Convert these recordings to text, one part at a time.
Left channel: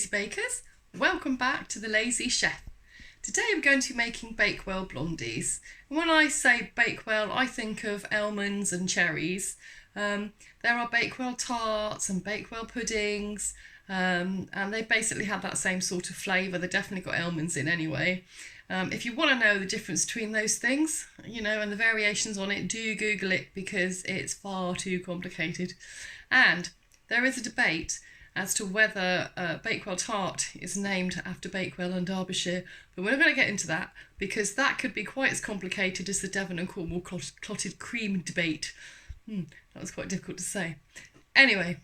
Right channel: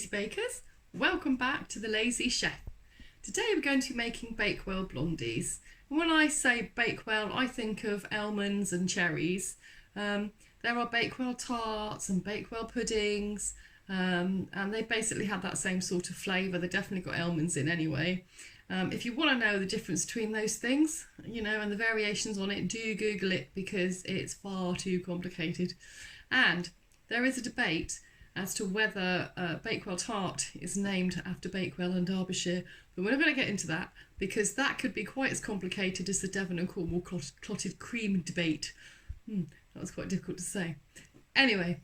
lazy bakers, welcome back to the Lazy Chef. Today we're going to be making Bakewell Blondies. And when I say Bakewell, I think of almonds and cherries. There are Bakewell tarts and Bakewell puddings, and they basically have that same sort of flavour. They've definitely got almonds in anyway. If you want to know the difference between those things, and the variations on it, do Google it because it's far too complicated. And there is a debate as to whether Bakewell tart is named after Bakewell and Derbyshire, but we're not going to get into that because that could be quite as complicated as the Devon and Cornwall clotted cream debate. That was quite difficult to say. Anyway,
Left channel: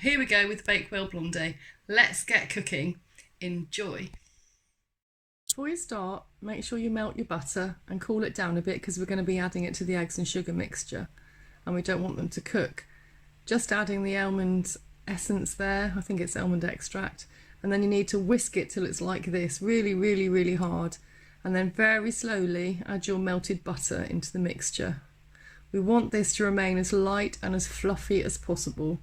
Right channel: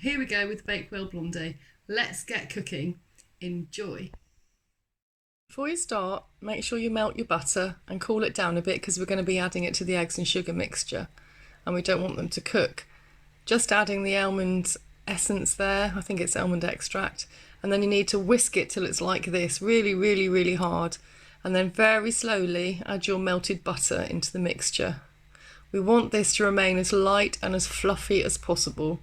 here we go with Bakewell Blondie. Let's get cooking. Enjoy. Before you start, make sure you melt your butter and cool it down a bit because we're going to be adding it to the eggs and sugar mixture and we don't want them to cook. Just adding the almond essence there, I think it's almond extract, and then you need to whisk it till it's like this, really hard, and then very slowly add your melted butter into the mixture. We want this to remain as light and as fluffy as possible.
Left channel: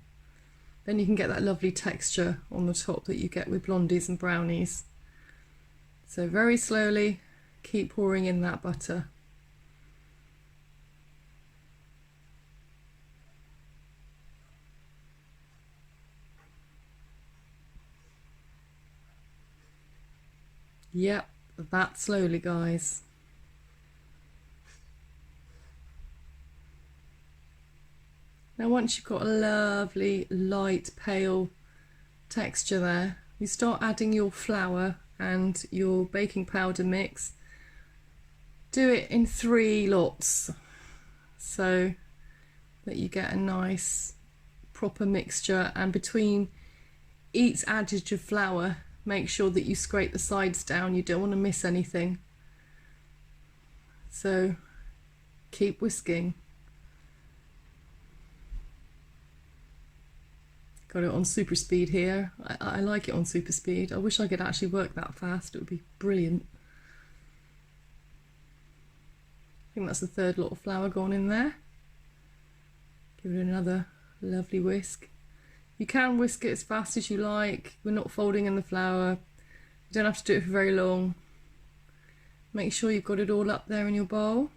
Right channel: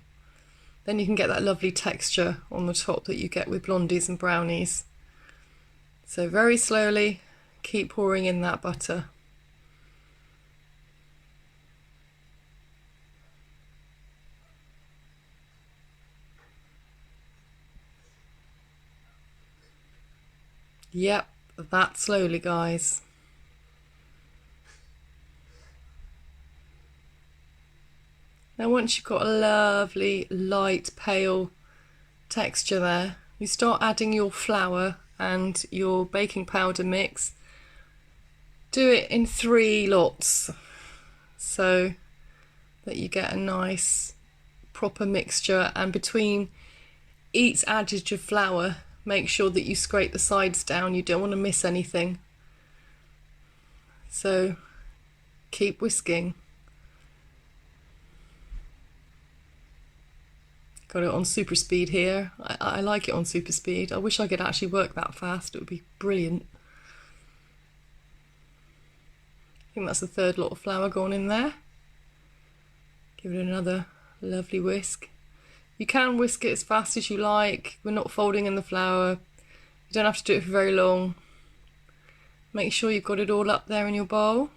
Then you can get that lovely texture on the top that you get with blondies and brownies. So very slowly keep pouring in that butter. Yep, that slowly, guys. Now once you've got a lovely light pale texture there, you start adding your flour and your baking powder mix. Do it in 3 lots so that you get a nice proper mixture, and between each adage of flour make sure that you scrape the sides down. You don't want to miss anything. So keep whisking. Got it on super speed here. I like it on super speed. I wish I could actually work that fast. It would be brilliant. I think that's the 3rd lot of flour gone in there. Give it another lovely whisk. You can whisk it as fast as you like. We're not folding in the flour. You don't have to do it for very long. Make sure you've got it all up there in your bowl.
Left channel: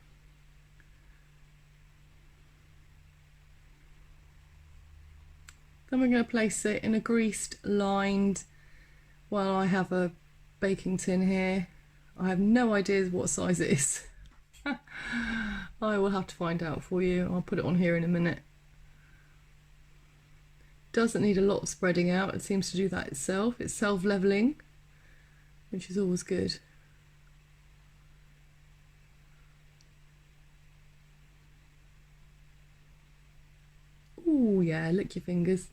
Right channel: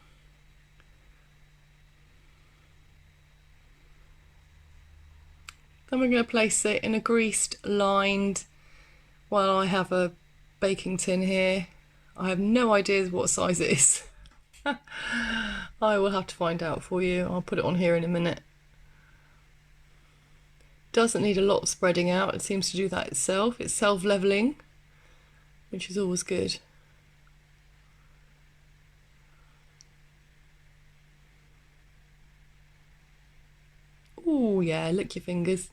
Then we're going to place it in a greased, lined, well, I have a baking tin here. I have no idea what size it is. I will have to find out for you. I'll put it on here in a minute. Doesn't need a lot of spreading out. It seems to do that itself. It's self-leveling, which is always good. Oh yeah, lick your fingers.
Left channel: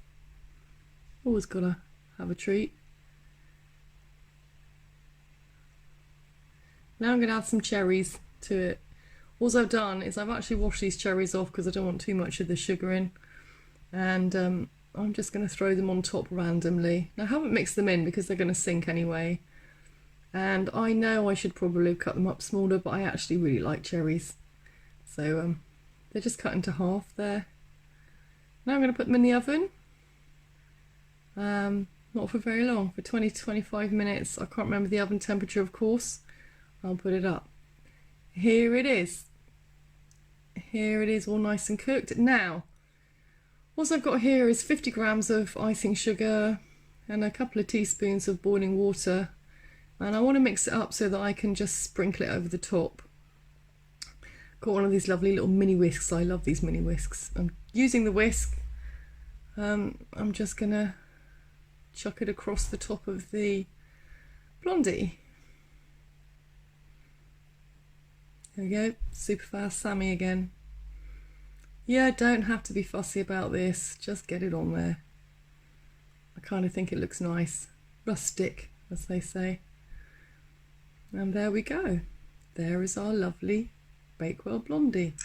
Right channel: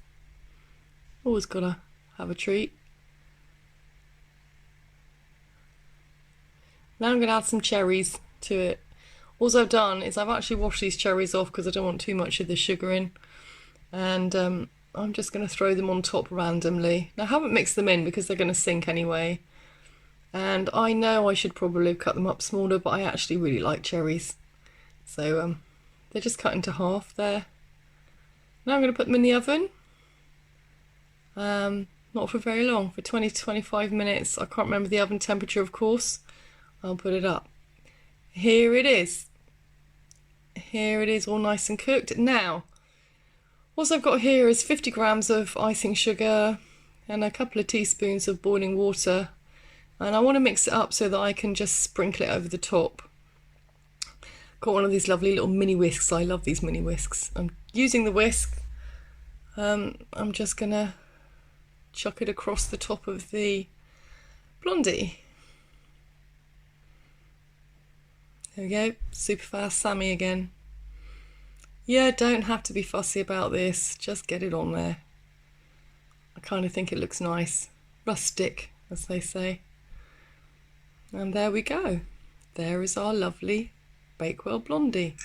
Always gotta have a treat. Now I'm gonna add some cherries to it. All I've done is I've actually washed these cherries off because I don't want too much of the sugar in, and I'm just going to throw them on top randomly. Now I haven't mixed them in because they're going to sink anyway, and I know I should probably cut them up smaller, but I actually really like cherries, so they're just cut into half there. Now I'm going to put them in the oven, not for very long, for 20 to 25 minutes. I can't remember the oven temperature, of course. I'll put it up. Here it is. Here it is, all nice and cooked. Now what I've got here is 50 grams of icing sugar and a couple of teaspoons of boiling water, and I want to mix it up so that I can just sprinkle it over the top. Got one of these lovely little mini whisks. I love these mini whisks. I'm using the whisk. I'm just gonna chuck it across the top of the blondie. There we go, super fast Sami again. Yeah, don't have to be fussy about this, just get it on there. I kind of think it looks nice, rustic as they say. And there we go. There is our lovely Bakewell Blondie.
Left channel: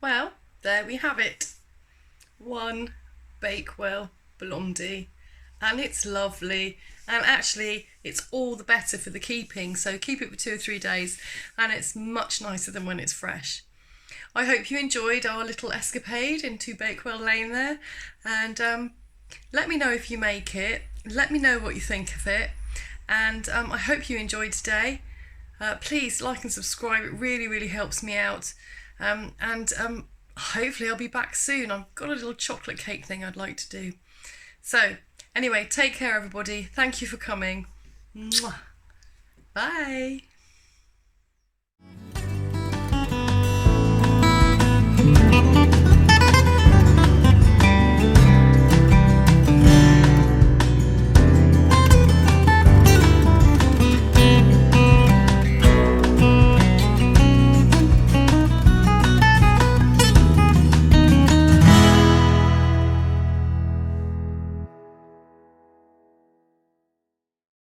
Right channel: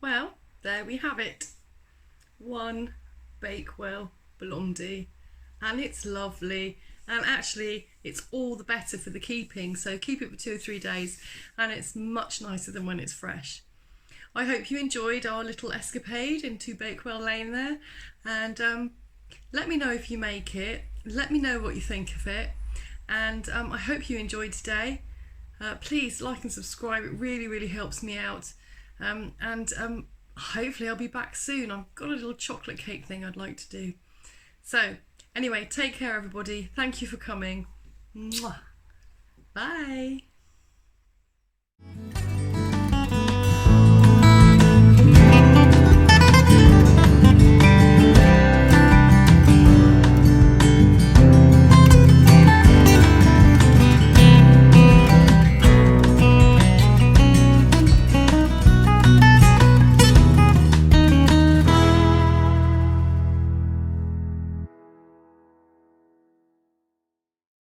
Well, there we have it. One Bakewell Blondie. And it's lovely, and actually it's all the better for the keeping, so keep it for 2 or 3 days and it's much nicer than when it's fresh. I hope you enjoyed our little escapade into Bakewell Lane there, and Let me know if you make it. Let me know what you think of it. And I hope you enjoyed today. Please like and subscribe. It really, really helps me out. Hopefully I'll be back soon. I've got a little chocolate cake thing I'd like to do. So anyway, take care everybody. Thank you for coming. Mwah. Bye.